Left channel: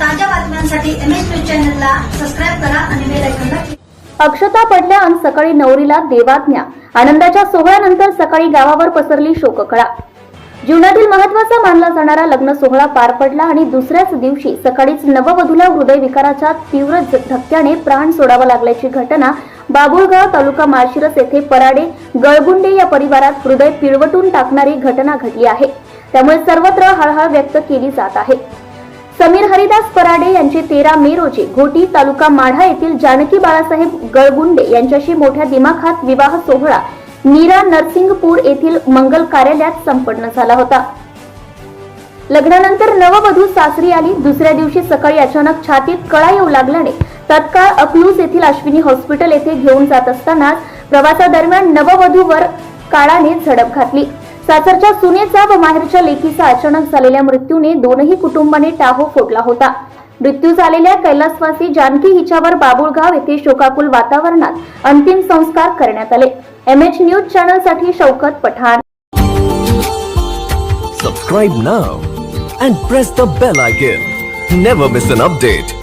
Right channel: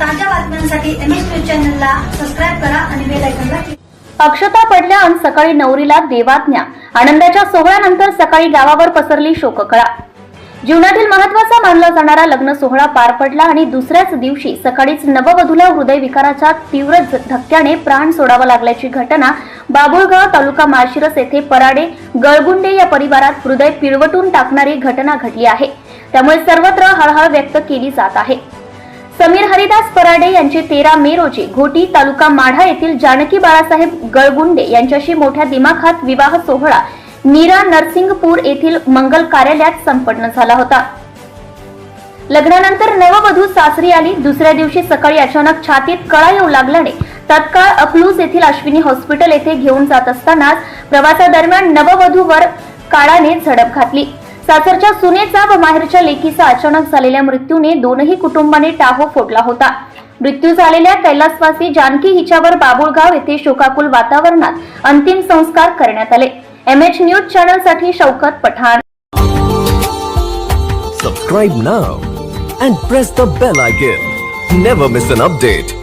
ताज्या बातम्यांसाठी M S news चॅनलला सबस्क्राईब करा आणि बेल आयकॉनला अक्षता पडल्या आणि सकाळी नवरीला देवाज्ञा. आनंदाच्या सोहळ्यानंतर सकाळी गावावर पसरली शोककळा. जीवनातील महत्त्वाचा मानला जाणारा लग्न सोहळा पार पडला आणि दुसऱ्याच दिवशी सकाळीच नववधूला हृदयविकाराच्या तीव्र धक्क्याने प्राण सोडावा लागल्याची घटना बाबुळगाव तालुका माळशिरस येथे पराडे गळगुंडे या परिवारात हृदय पिळवटून टाकणारी घटना घडली आहे. त्यामुळे सर्वत्र हळहळ व्यक्त केली जात आहे. समीर हरिदास पराडे यांचे तेरा मे रोजी घोटी तालुका माढा येथील जानकी बाळासाहेब गळगुंडे यांच्याशी मोठ्या दिमाखात विवाह सोहळा नीरा नरसिंगपूर येथील मंगल कार्यालयात संपन्न झाला होता. लग्नानंतर नववधू सासरी आली. दुसऱ्या दिवशी सकाळी अचानक छातीत कळा येऊ लागल्याने तत्काळ अकलूज येथील अश्विनी हॉस्पिटल येथे घेऊन जात असतानाच प्रवासादरम्यान नववधूवर काळाने झडप घातली. सासरच्या सुनेचा व माहेरच्या लेखीचा अचानक झालेल्या मृत्यूने दोनही कुटुंबाने टाहो फोडला होता. मृत्यू झालेल्या कैलासवासी जानकी हिच्यावर बाबुळगाव येथे शोकाकुल वातावरणात अंतिम संस्कार करण्यात आले. M H news चॅनलसाठी Shaukat Pathan. Subscribe now and press the bell icon never miss an update